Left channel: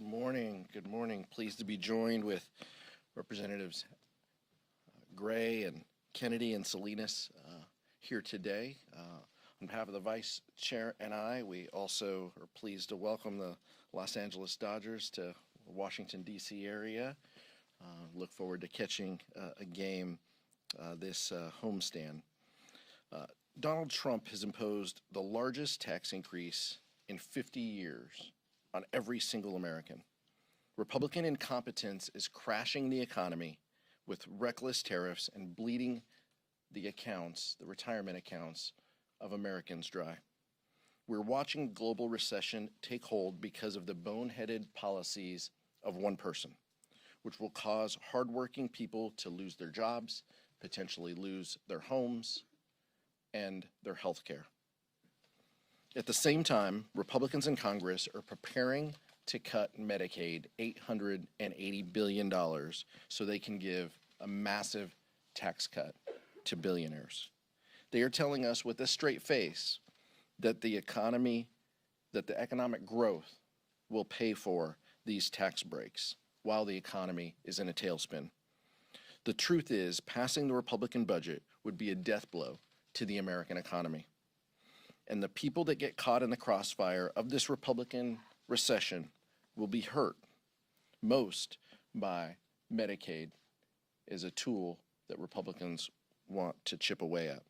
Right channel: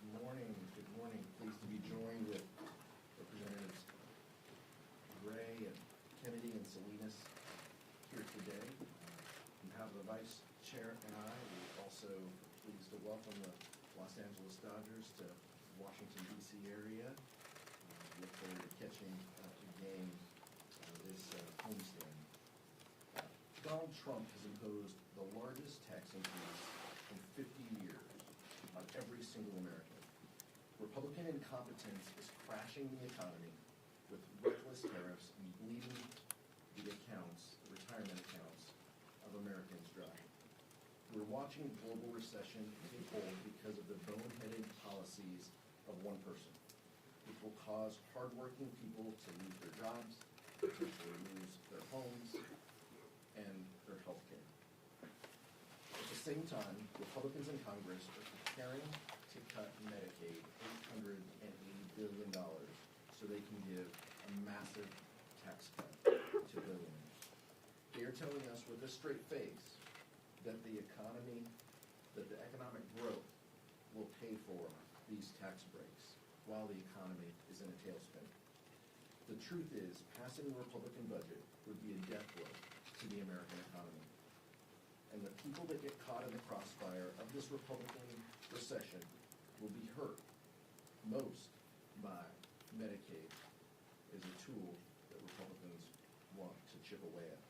Good morning. Good morning. Pleased to be joined with Representatives Gray and Kennedy and Salinas here today. On behalf of the Vice Chair and I, we also are pleased to welcome the Los Angeles Dodgers to the Washington, D.C. area. Look forward to catching a game this homestand. Donald Trump has imposed the largest tax increase in 50 years on every single American. Republican incompetence is crashing the economy with reckless tariffs and bleeding the accounts, the retirement accounts of Americans dry. We're watching global recession take hold because of the boneheaded policies of one person, which will cause hardworking people to lose their jobs, potentially lose their homes, and their health care. At the same time, Republicans in Congress are preparing to cut Medicaid $880 billion so they can give a massive tax cut to billionaires. They are telling us with a straight face that the economic growth will pay for these tax breaks while the economy is in a tailspin. The truth is, passing the Republican budget would be a death blow to the American economy. And the people that get caught in the crossfire of this Republican recession will be hurt most by Medicaid as a tool that Republicans want to chip away at.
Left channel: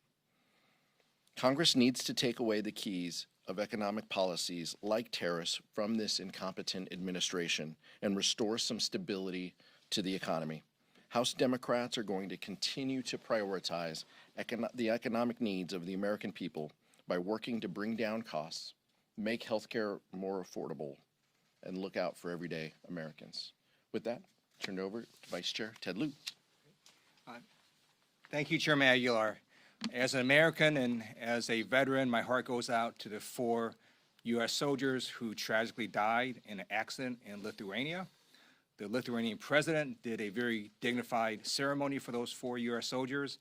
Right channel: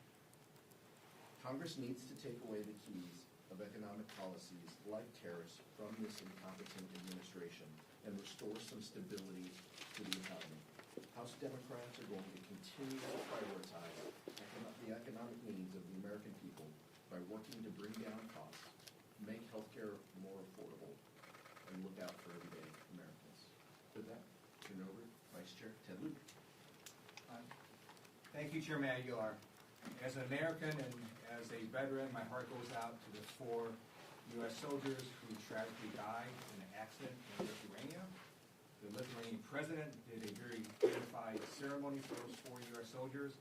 Congress needs to take away the keys of economic policies like tariffs from this incompetent administration and restore some stability to the economy. House Democrats are going to continue to prioritize the economic needs of the American people by working to bring down costs, make health care more affordable, and look out for everyday Americans. With that, turn it over to Vice Chair Ted Lieu. Thank you, Chairman Aguilar. As an American and as a veteran, my heart goes out to the 4 U.S. soldiers who tragically died in an accident in Lithuania. The Lithuanian president did a very dignified ceremony for those 4 U.S. soldiers.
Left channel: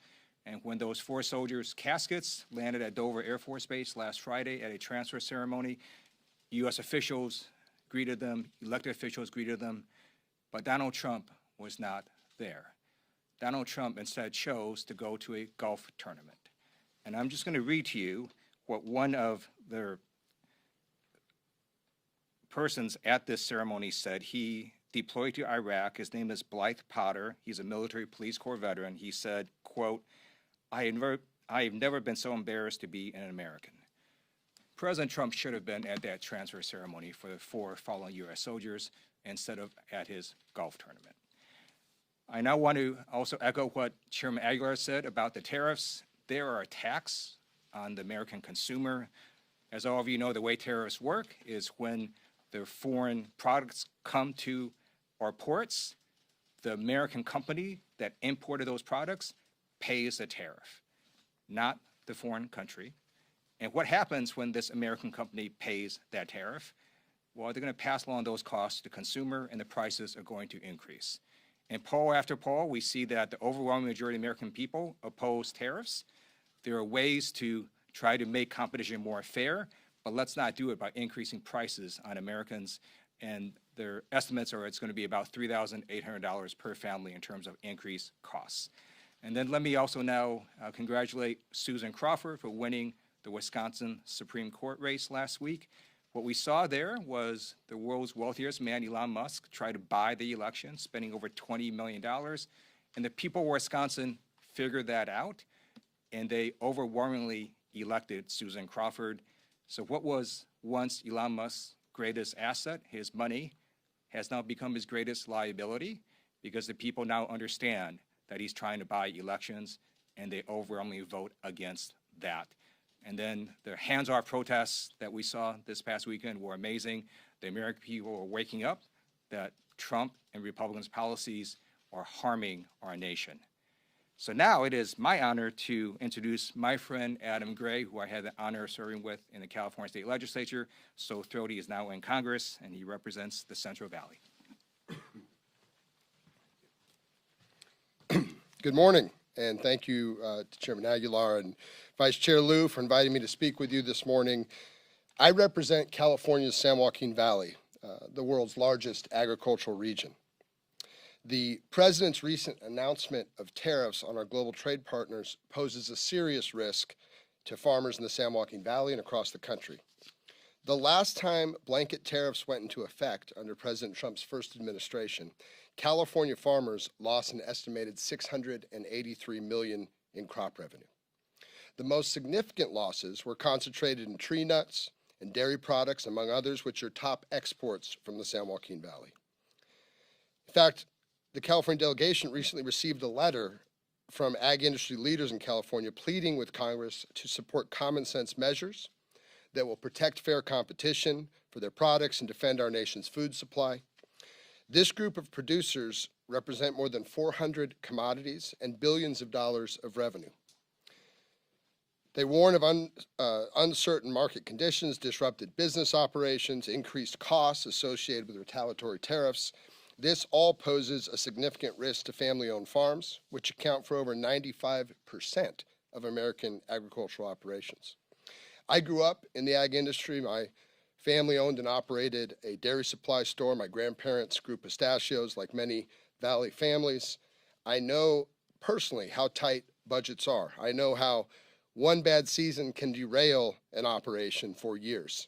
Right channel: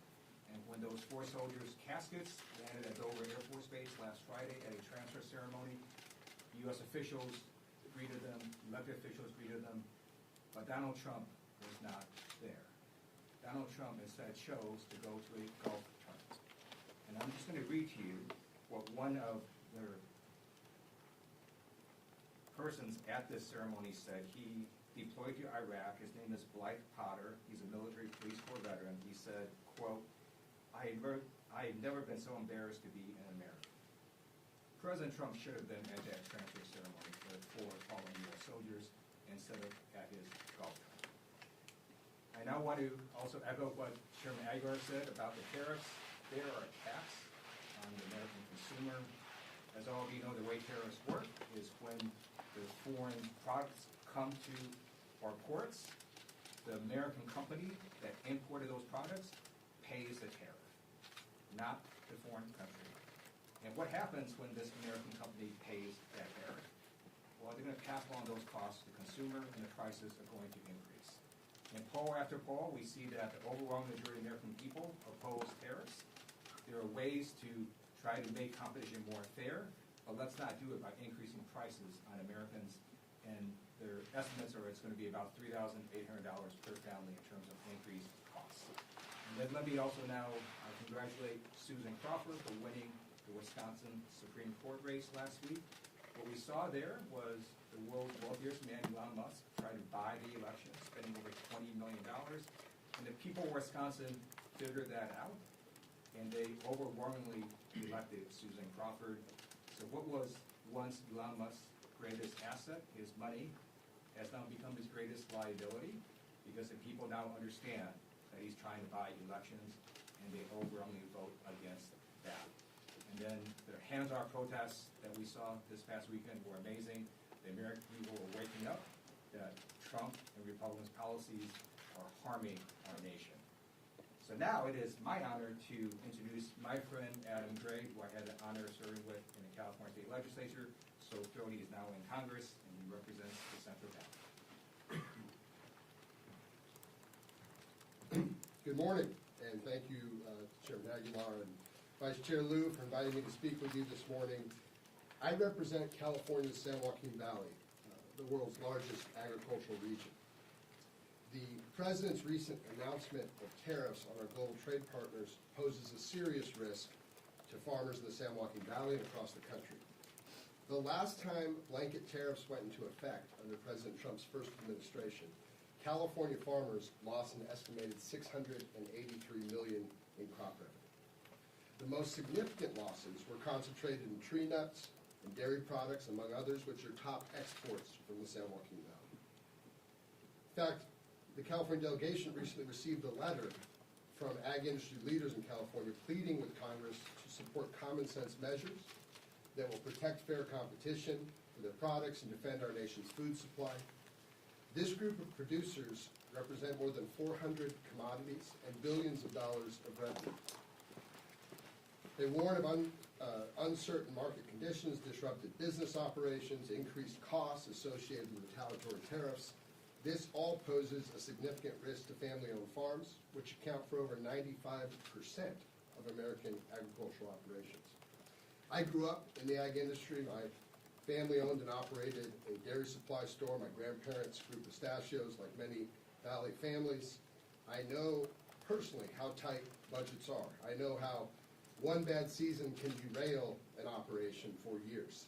And when those 4 soldiers' caskets landed at Dover Air Force Base last Friday at a transfer ceremony, U.S. officials greeted them, elected officials greeted them, but Donald Trump was not there. Donald Trump instead chose to go to a golf tournament. And I'm just going to read to you what one of the persons at this ceremony said. He deployed to Iraq. His name is Blythe Potter. He's a military police corps veteran. He said, quote, I have never been so embarrassed to be an American. President Trump should have been at that transfer ceremony for the 4 fallen U.S. soldiers instead of at his golf tournament. I now want to also echo what Chairman Aguilar said about the tariffs. They are a tax on the American consumer. As all of you know, the way tariffs work is when the foreign products come to our ports, the American company that imported those products pays a tariff, not the foreign country. And what happens when this American company pays that tariff? Well, they're going to pass along those costs to the consumer, and the prices are going to increase. In poll after poll, we see that the overwhelming majority of American people oppose tariffs. There are ways to try to make competition more fair, but let's not do it by increasing prices on Americans. And their estimates are it's going to be about $3,800 per family in terms of increased costs. And then let me also now congratulate Susan Crawford for winning the Wisconsin Supreme Court race last week. What we saw there was the world's wealthiest man, Elon Musk, try to buy the election, spending over $20 million. And the people of Wisconsin figured that out, and they overwhelmingly elected Susan Crawford. So what was once Elon Musk's greatest asset, his money, has now become his greatest liability because the people now understand that he's trying to buy elections, and they overwhelmingly vote against that. And then the hands-off protests that we saw this past weekend were amazing. The American people are waking up that Trump and Republicans' policies are harming our nation. So now it is my honor to introduce my friend Adam Gray, who I had the honor of serving with in the California State Legislature. So thrilled he is now in Congress, and he represents the Central Valley. Good morning, and thank you to Chairman Aguilar and Vice Chair Lieu for inviting me to speak with you this morning. I represent California's San Joaquin Valley. the world's largest agricultural region. The President's recent announcement of tariffs on our global trade partners poses a serious risk to farmers in the San Joaquin Valley and across the country. The last time blanket tariffs went into effect under President Trump's first administration, California farmers lost an estimated $683 million in crop revenue. The most significant losses were concentrated in tree nuts and dairy products, among others, which are top exports from the San Joaquin Valley. In fact, the California delegation recently received a letter from ag industry leaders in California pleading with Congress to support common sense measures that will protect fair competition for their products and defend our nation's food supply. This group of producers represent more than 400 commodities and billions of dollars of revenue. They warn of uncertain market conditions, disrupted business operations, increased costs associated with retaliatory tariffs. This all poses a significant risk to family-owned farms, which account for over 95% of American agricultural operations. I grew up in the ag industry. My family owned and operated a dairy supply store. My grandparents grew pistachios like many Valley families. I know personally how tight budgets are. I know how one bad season can derail an operation for years.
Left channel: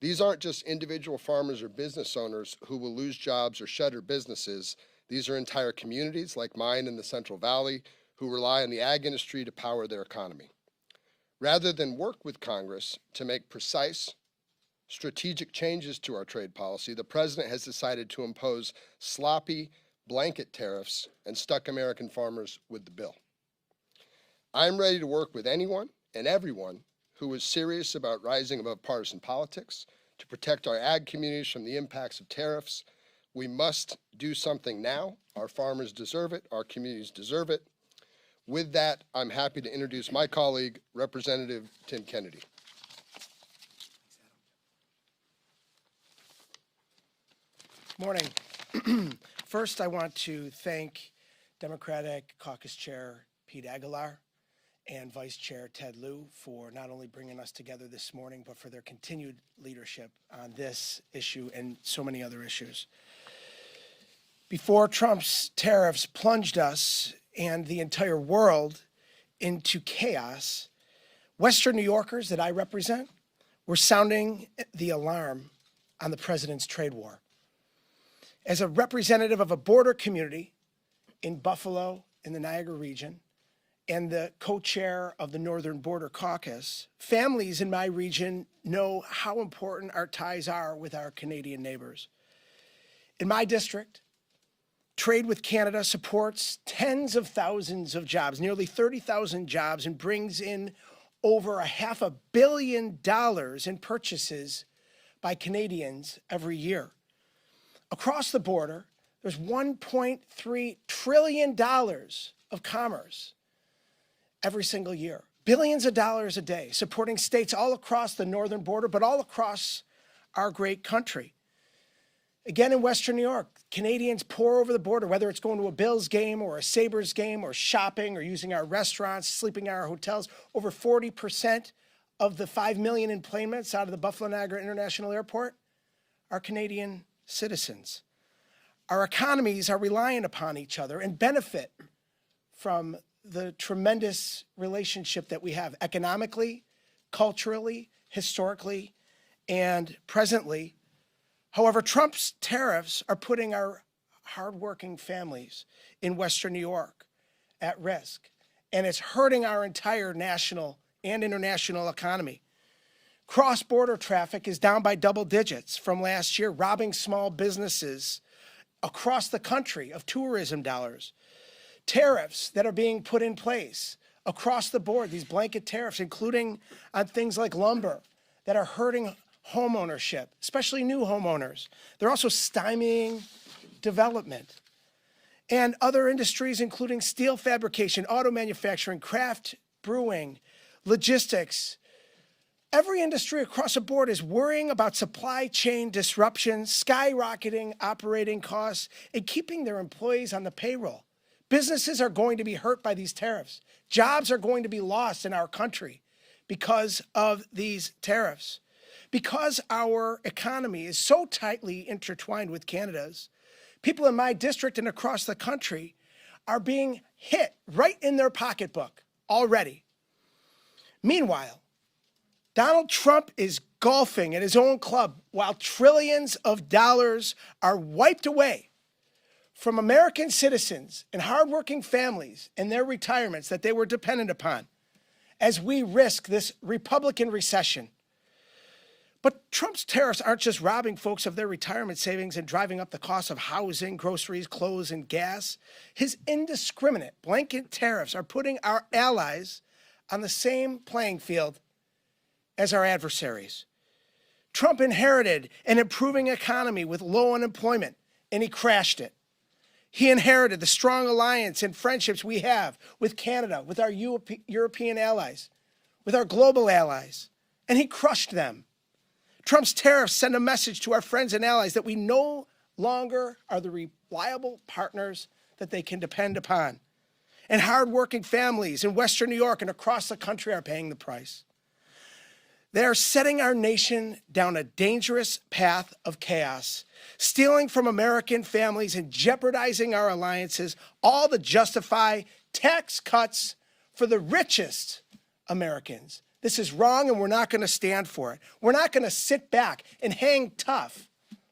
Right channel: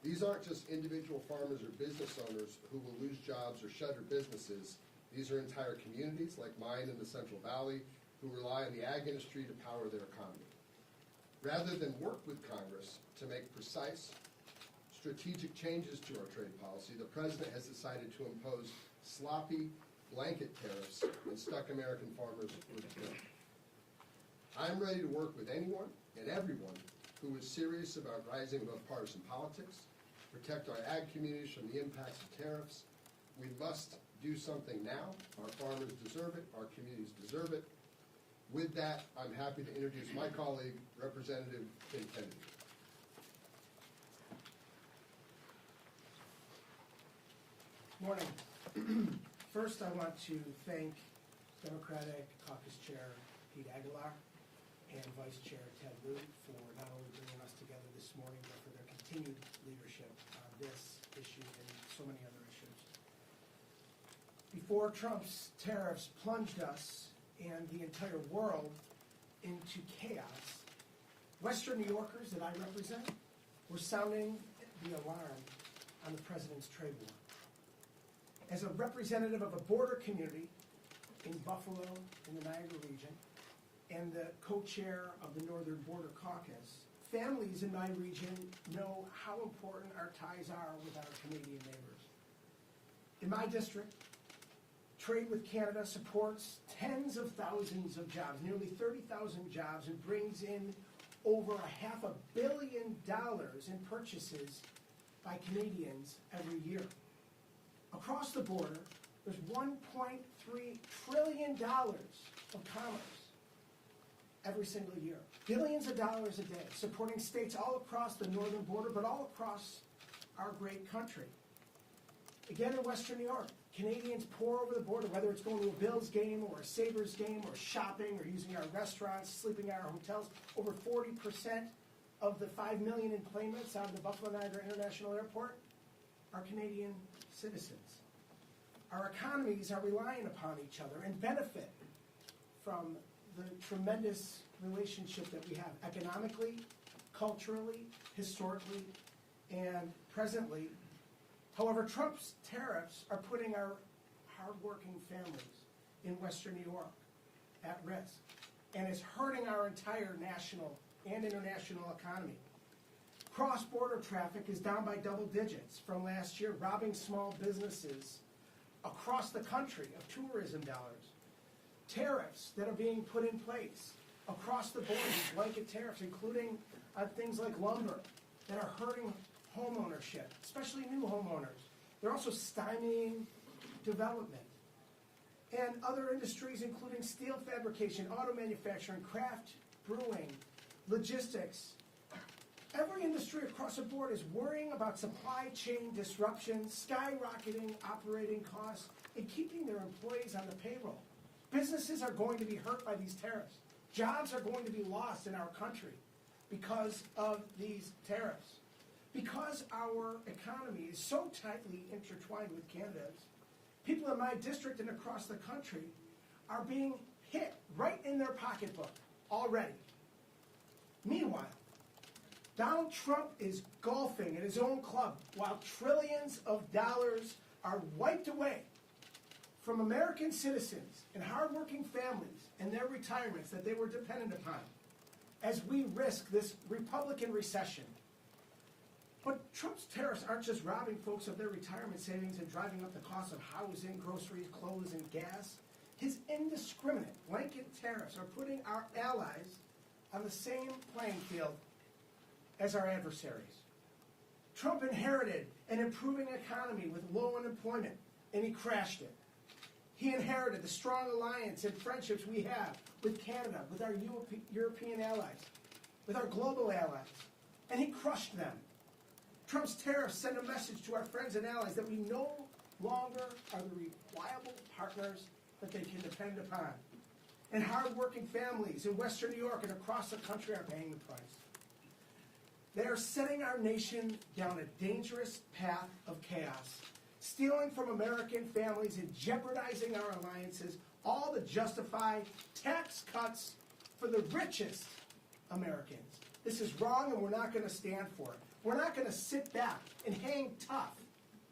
These aren't just individual farmers or business owners who will lose jobs or shutter businesses. These are entire communities like mine in the Central Valley who rely on the ag industry to power their economy. Rather than work with Congress to make precise, strategic changes to our trade policy, the President has decided to impose sloppy blanket tariffs and stuck American farmers with the bill. I'm ready to work with anyone and everyone who is serious about rising above partisan politics to protect our ag communities from the impacts of tariffs. We must do something now. Our farmers deserve it. Our communities deserve it. With that, I'm happy to introduce my colleague, Representative Tim Kennedy. Morning. First, I want to thank Democratic Caucus Chair Pete Aguilar and Vice Chair Ted Lieu for not only bringing us together this morning, but for their continued leadership on this issue and so many other issues. Before Trump's tariffs plunged us and the entire world into chaos, Western New Yorkers that I represent were sounding the alarm on the president's trade war. As a representative of a border community in Buffalo, in the Niagara region, and the co-chair of the Northern Border Caucus, families in my region know how important our ties are with our Canadian neighbors. In my district, trade with Canada supports tens of thousands of jobs, nearly 30,000 jobs, and brings in over $500 million in purchases by Canadians every year. Across the border, there's $1.3 trillion of commerce every single year. Billions of dollars a day, supporting states all across the northern border, but all across our great country. Again, in Western New York, Canadians pour over the border, whether it's going to a Bills game or a Sabres game or shopping or using our restaurants, sleeping in our hotels. Over 40% of the 5 million employments out of the Buffalo Niagara International Airport are Canadian citizens. Our economies are reliant upon each other and benefit from the tremendous relationship that we have economically, culturally, historically, and presently. However, Trump's tariffs are putting our hardworking families in Western New York at risk, and it's hurting our entire national and international economy. Cross-border traffic is down by double digits from last year, robbing small businesses across the country of tourism dollars. Tariffs that are being put in place across the board, these blanket tariffs, including on things like lumber, that are hurting home ownership, especially new homeowners. They're also stymieing development. And other industries, including steel fabrication, auto manufacturing, craft brewing, logistics. Every industry across the board is worrying about supply chain disruptions, skyrocketing operating costs, and keeping their employees on the payroll. Businesses are going to be hurt by these tariffs. Jobs are going to be lost in our country because of these tariffs. Because our economy is so tightly intertwined with Canada's, people in my district and across the country are being hit right in their pocketbook already. Meanwhile, Donald Trump is golfing at his own club while trillions of dollars are wiped away from American citizens and hardworking families and their retirements that they were dependent upon as we risk this Republican recession. But Trump's tariffs aren't just robbing folks of their retirement savings and driving up the cost of housing, groceries, clothes, and gas. His indiscriminate blanket tariffs are putting our allies on the same playing field as our adversaries. Trump inherited an improving economy with low unemployment, and he crashed it. He inherited the strong alliance and friendships we have with Canada, with our European allies, with our global allies, and he crushed them. Trump's tariffs send a message to our friends and allies that we no longer are the reliable partners that they can depend upon. And hardworking families in Western New York and across the country are paying the price. They are setting our nation down a dangerous path of chaos, stealing from American families and jeopardizing our alliances, all to justify tax cuts for the richest Americans. This is wrong, and we're not going to stand for it. We're not going to sit back and hang tough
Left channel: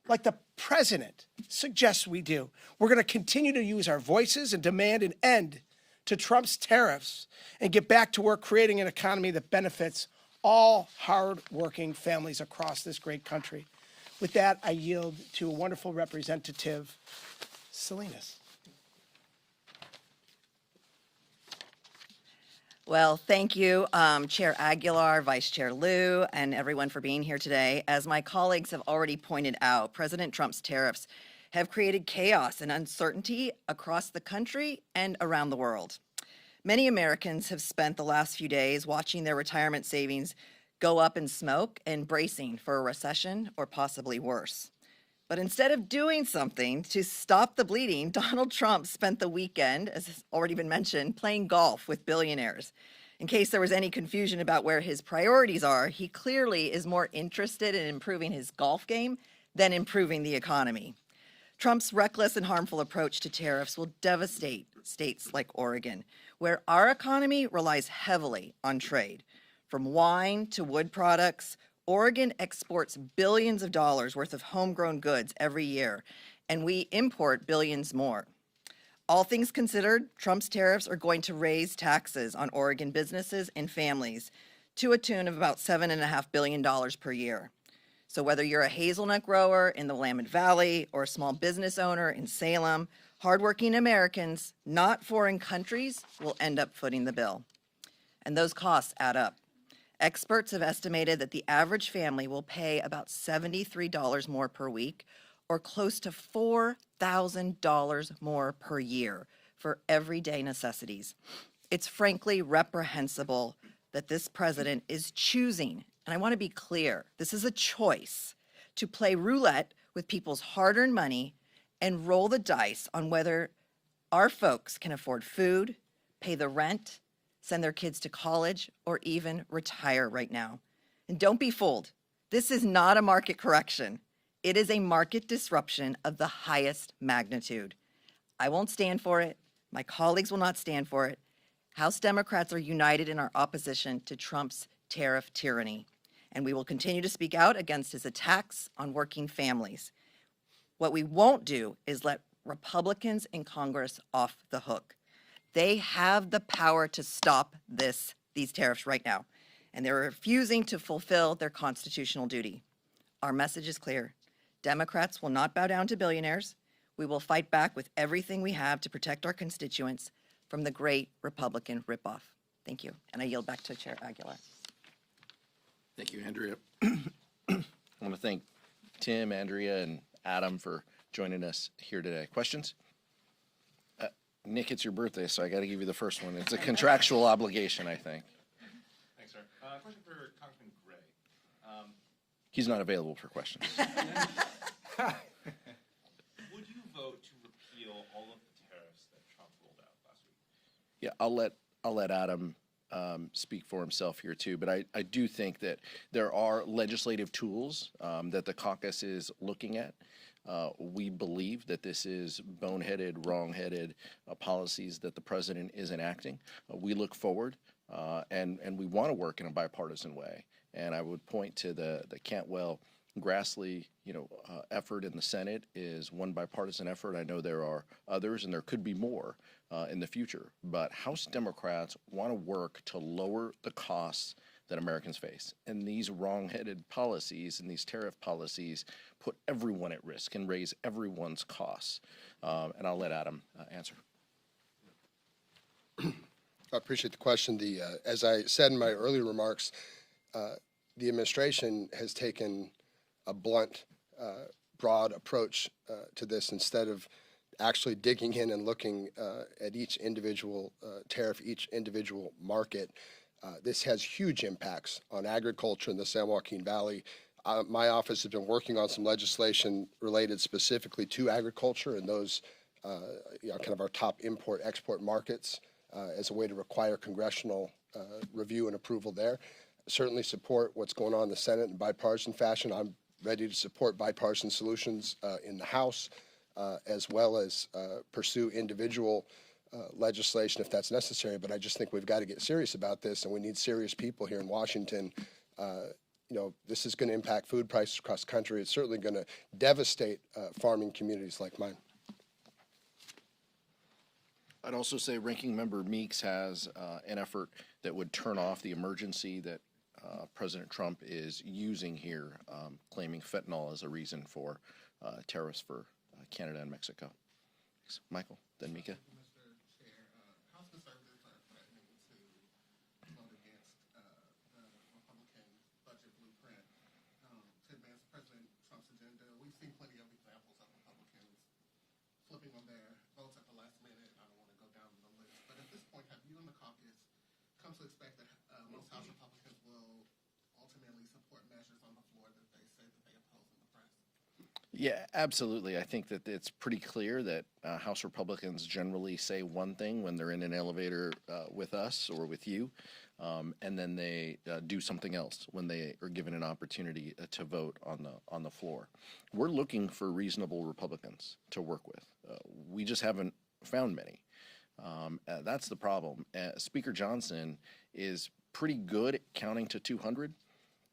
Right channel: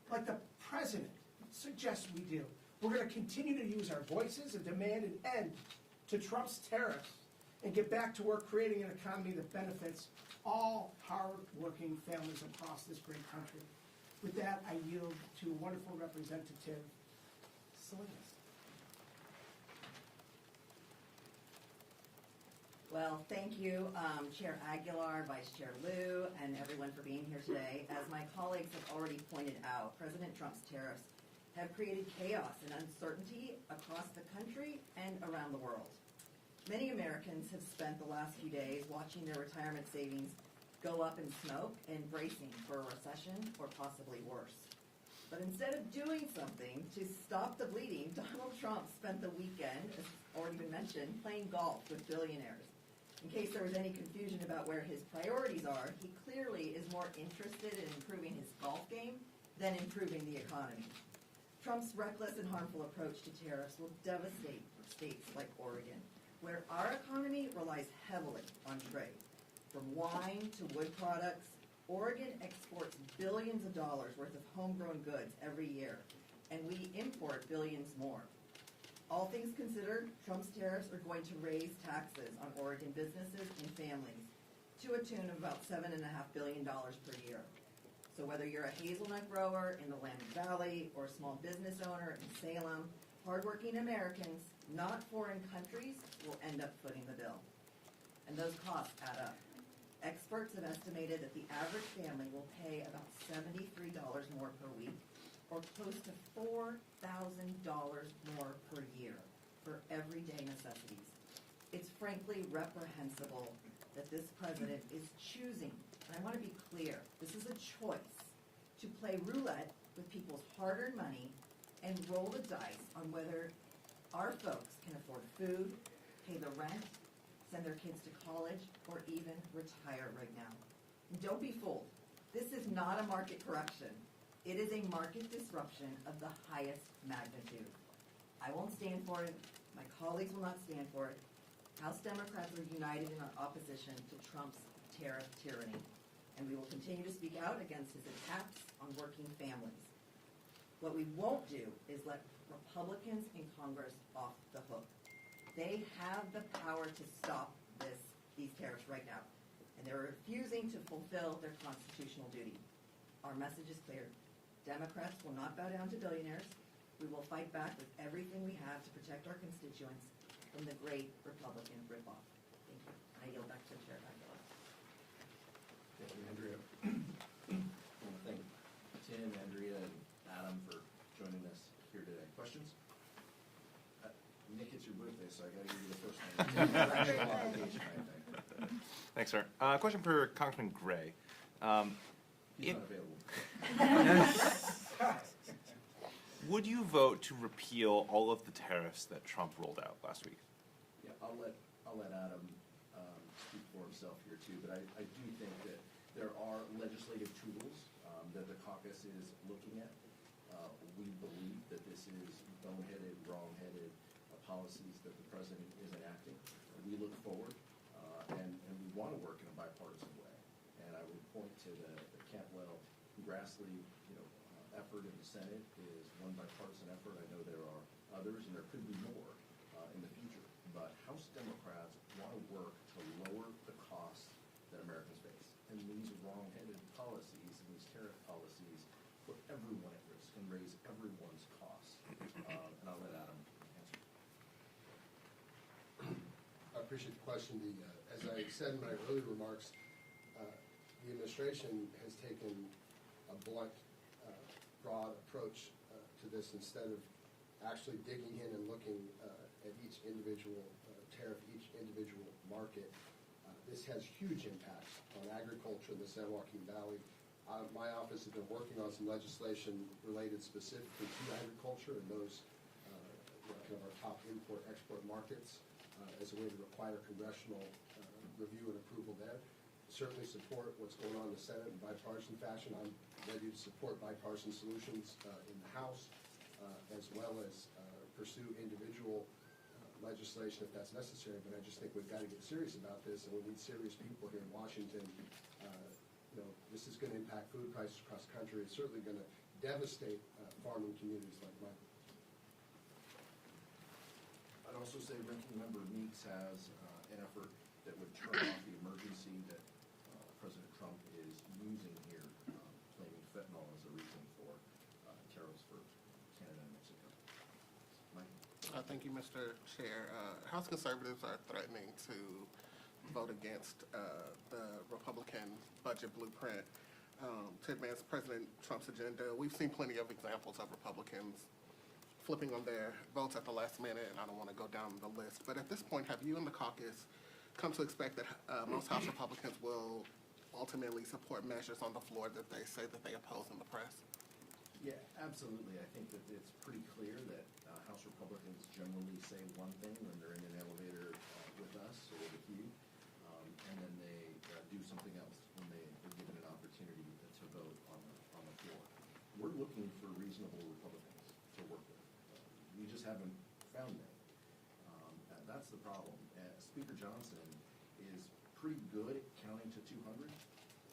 like the president suggests we do. We're going to continue to use our voices and demand an end to Trump's tariffs and get back to work creating an economy that benefits all hard-working families across this great country. With that, I yield to a wonderful representative, Salinas. Well, thank you, Chair Aguilar, Vice Chair Liu, and everyone for being here today. As my colleagues have already pointed out, President Trump's tariffs have created chaos and uncertainty across the country and around the world. Many Americans have spent the last few days watching their retirement savings go up in smoke and bracing for a recession or possibly worse. But instead of doing something to stop the bleeding, Donald Trump spent the weekend, as has already been mentioned, playing golf with billionaires. In case there was any confusion about where his priorities are, he clearly is more interested in improving his golf game than improving the economy. Trump's reckless and harmful approach to tariffs will devastate states like Oregon, where our economy relies heavily on trade. From wine to wood products, Oregon exports billions of dollars worth of homegrown goods every year, and we import billions more. All things considered, Trump's tariffs are going to raise taxes on Oregon businesses and families to a tune of about $7.5 billion per year. So whether you're a hazelnut grower in the Willamette Valley or a small business owner in Salem, hardworking Americans, not foreign countries, will end up footing the bill. And those costs add up. Experts have estimated that the average family will pay about $73 more per week, or close to $4,000 more per year for everyday necessities. It's frankly reprehensible that this president is choosing, and I want to be clear, this is a choice, to play roulette with people's hard-earned money and roll the dice on whether our folks can afford food, pay the rent, send their kids to college, or even retire right now. And don't be fooled. This is not a market correction. It is a market disruption of the highest magnitude. I won't stand for it. My colleagues will not stand for it. House Democrats are united in our opposition to Trump's tariff tyranny, and we will continue to speak out against his attacks on working families. What we won't do is let Republicans in Congress off the hook. They have the power to stop these tariffs right now, and they're refusing to fulfill their constitutional duty. Our message is clear. Democrats will not bow down to billionaires. We will fight back with everything we have to protect our constituents from the great Republican ripoff. Thank you, and I yield back to Chair Aguilar. Thank you, Andrea. I want to thank Tim, Andrea, and Adam for joining us here today. Questions? Nick, it's your birthday, so I got to give you the first one. It's a contractual obligation, I think. Thanks, sir. Question for Congressman Gray. He's not available for questions. Would you vote to repeal all of the tariffs that Trump rolled out last week? Yeah, I'll let Adam speak for himself here too, but I do think that there are legislative tools that the caucus is looking at. We believe that this is boneheaded, wrong-headed policies that the president is enacting. We look forward and we want to work in a bipartisan way. And I would point to the Cantwell-Grassley, effort in the Senate is one bipartisan effort. I know there are others, and there could be more in the future. But House Democrats want to work to lower the costs that Americans face. And these wrong-headed policies and these tariff policies put everyone at risk and raise everyone's costs. And I'll let Adam answer. I appreciate the question. As I said in my earlier remarks, the administration has taken a blunt, broad approach to this instead of actually digging in and looking at each individual tariff, each individual market. This has huge impacts on agriculture in the San Joaquin Valley. My office has been working on some legislation related specifically to agriculture and those, kind of our top import-export markets as a way to require congressional review and approval there. Certainly support what's going on in the Senate in bipartisan fashion. I'm ready to support bipartisan solutions in the House, as well as pursue individual legislation if that's necessary. But I just think we've got to get serious about this, and we need serious people here in Washington. This is going to impact food prices across the country. It's certainly going to devastate farming communities like mine. I'd also say Ranking Member Meeks has an effort that would turn off the emergency that President Trump is using here, claiming fentanyl as a reason for tariffs for Canada and Mexico. Thanks. Michael, then Mika. Thank you, Mr. Chair. House conservatives are threatening to vote against the Republican budget blueprint to advance President Trump's agenda. We've seen plenty of examples of Republicans flipping on their votes at the last minute, and I don't want to go down the list. But at this point, have you and the caucus come to expect that most House Republicans will ultimately support measures on the floor that they say that they oppose in the press? Yeah, absolutely. I think that it's pretty clear that House Republicans generally say one thing when they're in an elevator with us or with you, and then they do something else when they are given an opportunity to vote on the floor. We're looking for reasonable Republicans to work with. We just haven't found many. That's the problem. Speaker Johnson is pretty good at counting to 200,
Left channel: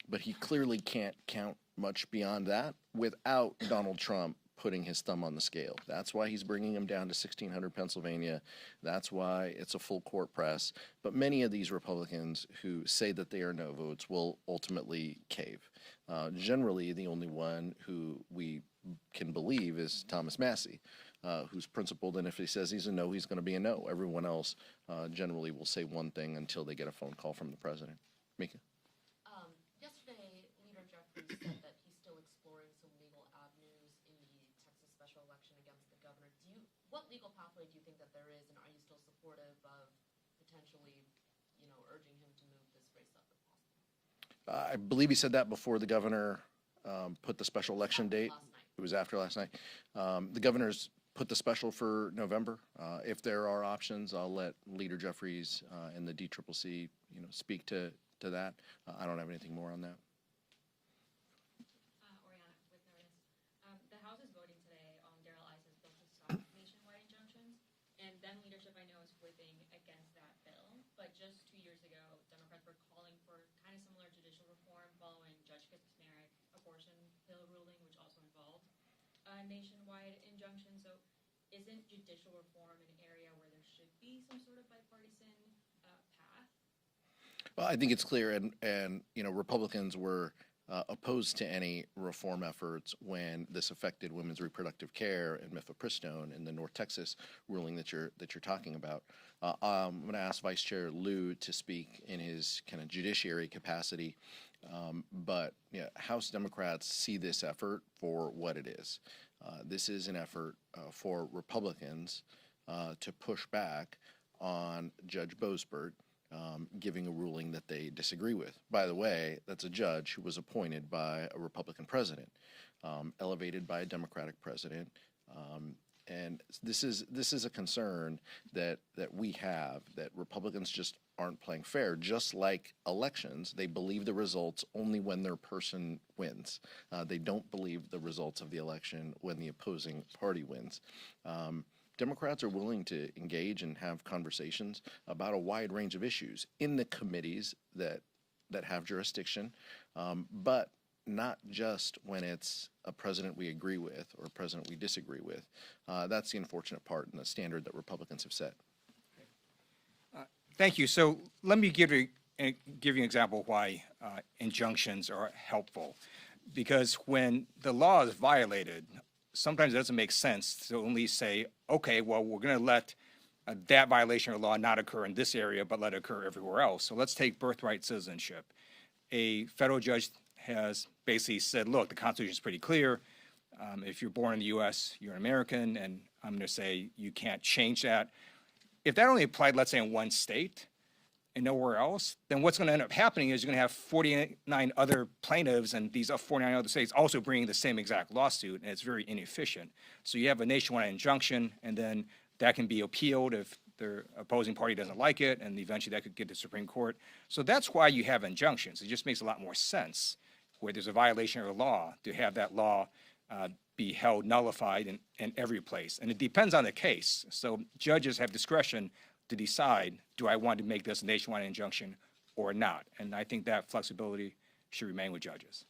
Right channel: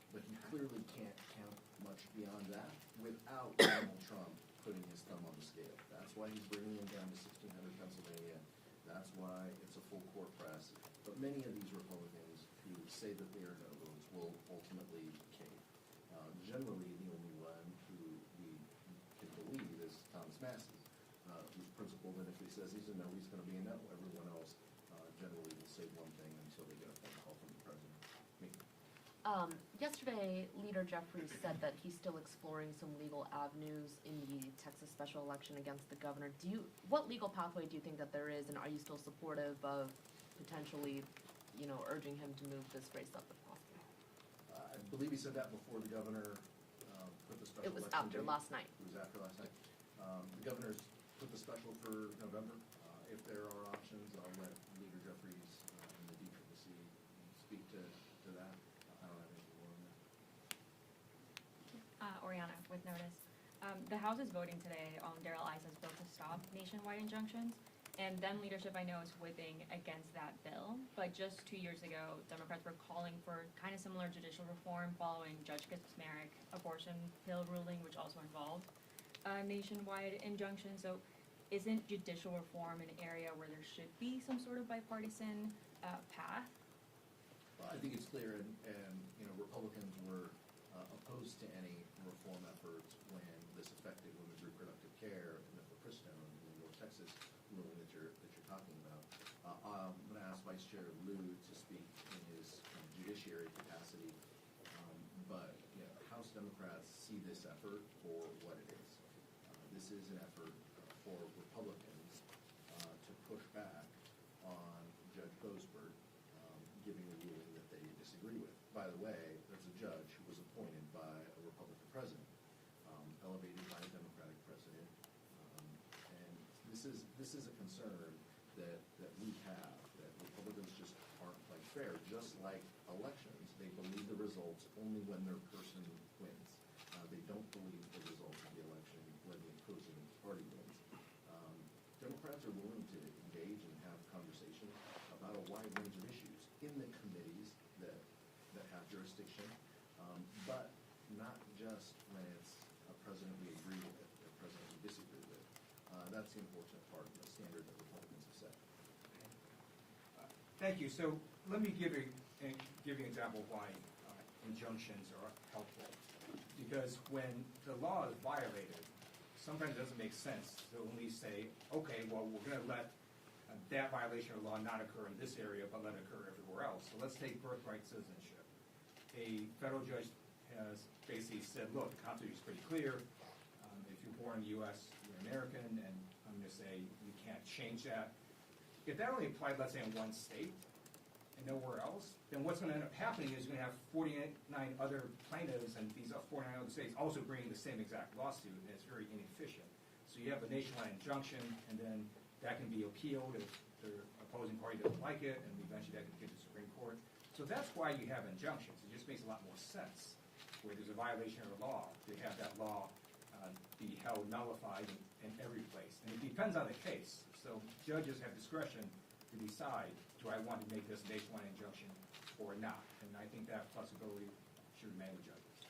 but he clearly can't count much beyond that without Donald Trump putting his thumb on the scale. That's why he's bringing him down to 1600 Pennsylvania. That's why it's a full court press. But many of these Republicans who say that they are no votes will ultimately cave. Generally, the only one who we can believe is Thomas Massey, who's principled, and if he says he's a no, he's going to be a no. Everyone else generally will say one thing until they get a phone call from the president. Mika? Yesterday, Leader Jeffries said that he's still exploring some legal avenues in the Texas special election against the governor. What legal pathway do you think that there is, and are you still supportive of potentially, urging him to move this race up if possible? I believe he said that before the governor put the special election date. Last night. It was after last night. The governor's put the special for November. If there are options, I'll let Leader Jeffries and the DCCC, speak to that. I don't have anything more on that. Oriana with Notice. The House is voting today on Darrell Issa's bill to stop nationwide injunctions, and then leadership I know is whipping against that bill. But just 2 years ago, Democrats were calling for kind of similar judicial reform following Judge Kaczmarek abortion pill ruling, which also involved nationwide injunctions. So isn't judicial reform an area where there should be some sort of bipartisan path? Well, I think it's clear, and Republicans were opposed to any reform efforts when this affected women's reproductive care and mifepristone in the North Texas ruling that you're talking about. I'm going to ask Vice Chair Lieu to speak in his kind of judiciary capacity, but House Democrats see this effort for what it is. This is an effort for Republicans to push back on Judge Boasberg giving a ruling that they disagree with. By the way, that's a judge who was appointed by a Republican president, elevated by a Democratic president, And this is a concern that we have, that Republicans just aren't playing fair. Just like elections, they believe the results only when their person wins. They don't believe the results of the election when the opposing party wins. Democrats are willing to engage and have conversations about a wide range of issues in the committees that have jurisdiction, but not just when it's a president we agree with or a president we disagree with. That's the unfortunate part and the standard that Republicans have set. Thank you. So let me give you an example of why injunctions are helpful. Because when the law is violated, sometimes it doesn't make sense to only say, okay, well, we're going to let that violation of law not occur in this area, but let it occur everywhere else. So let's take birthright citizenship. A federal judge has basically said, look, the Constitution is pretty clear. If you're born in the U.S., you're an American, and I'm going to say you can't change that. If that only applied, let's say, in one state and nowhere else, then what's going to end up happening is you're going to have 49 other plaintiffs and these 49 other states also bringing the same exact lawsuit, and it's very inefficient. So you have a nationwide injunction, and then that can be appealed if the opposing party doesn't like it, and eventually that could get to the Supreme Court. So that's why you have injunctions. It just makes a lot more sense where there's a violation of a law to have that law be held nullified in every place. And it depends on the case. So judges have discretion to decide, do I want to make this a nationwide injunction or not? And I think that flexibility should remain with judges.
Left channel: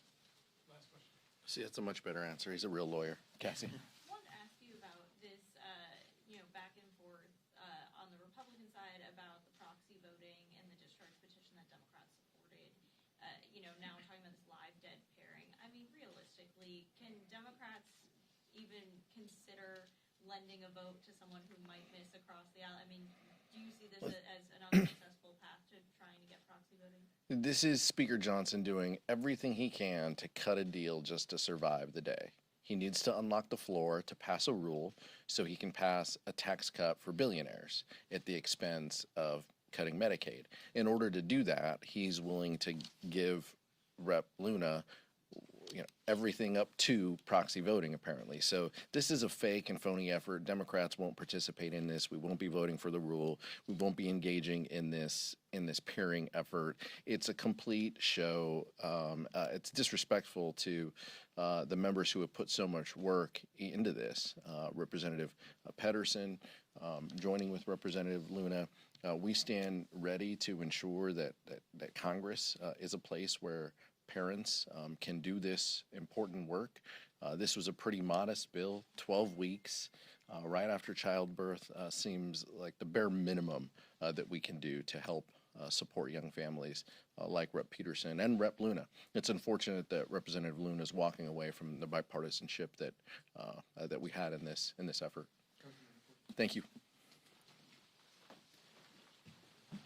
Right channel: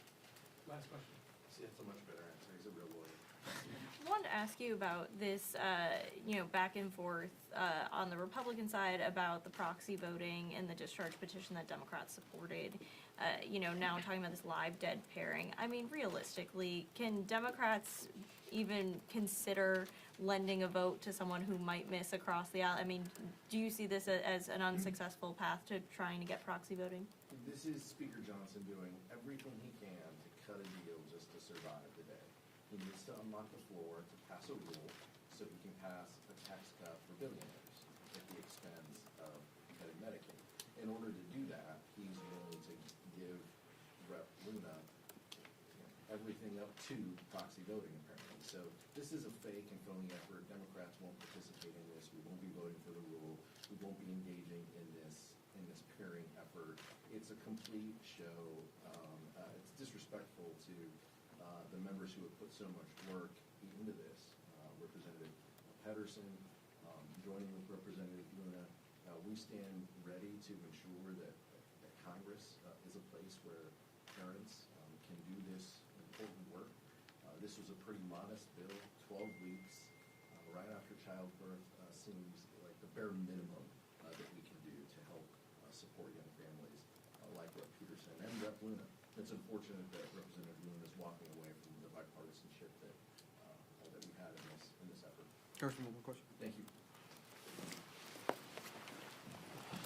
See, that's a much better answer. He's a real lawyer. Cassie? I wanted to ask you about this, back and forth on the Republican side about the proxy voting and the discharge petition that Democrats supported. Now talking about this live dead pairing. I mean, realistically, can Democrats even consider lending a vote to someone who might miss across the aisle? I mean, do you see this as an unsuccessful path to trying to get proxy voting? This is Speaker Johnson doing everything he can to cut a deal just to survive the day. He needs to unlock the floor to pass a rule so he can pass a tax cut for billionaires at the expense of cutting Medicaid. In order to do that, he's willing to give Rep. Luna everything up to proxy voting, apparently. So this is a fake and phony effort. Democrats won't participate in this. We won't be voting for the rule. We won't be engaging in this pairing effort. It's a complete show. It's disrespectful to the members who have put so much work into this. Representative Pedersen, joining with Representative Luna, we stand ready to ensure that Congress is a place where parents can do this important work. This was a pretty modest bill, 12 weeks right after childbirth seems like the bare minimum that we can do to help support young families like Rep. Peterson and Rep. Luna. It's unfortunate that Representative Luna is walking away from the bipartisanship that we had in this effort. Congressman, one more question. Thank you.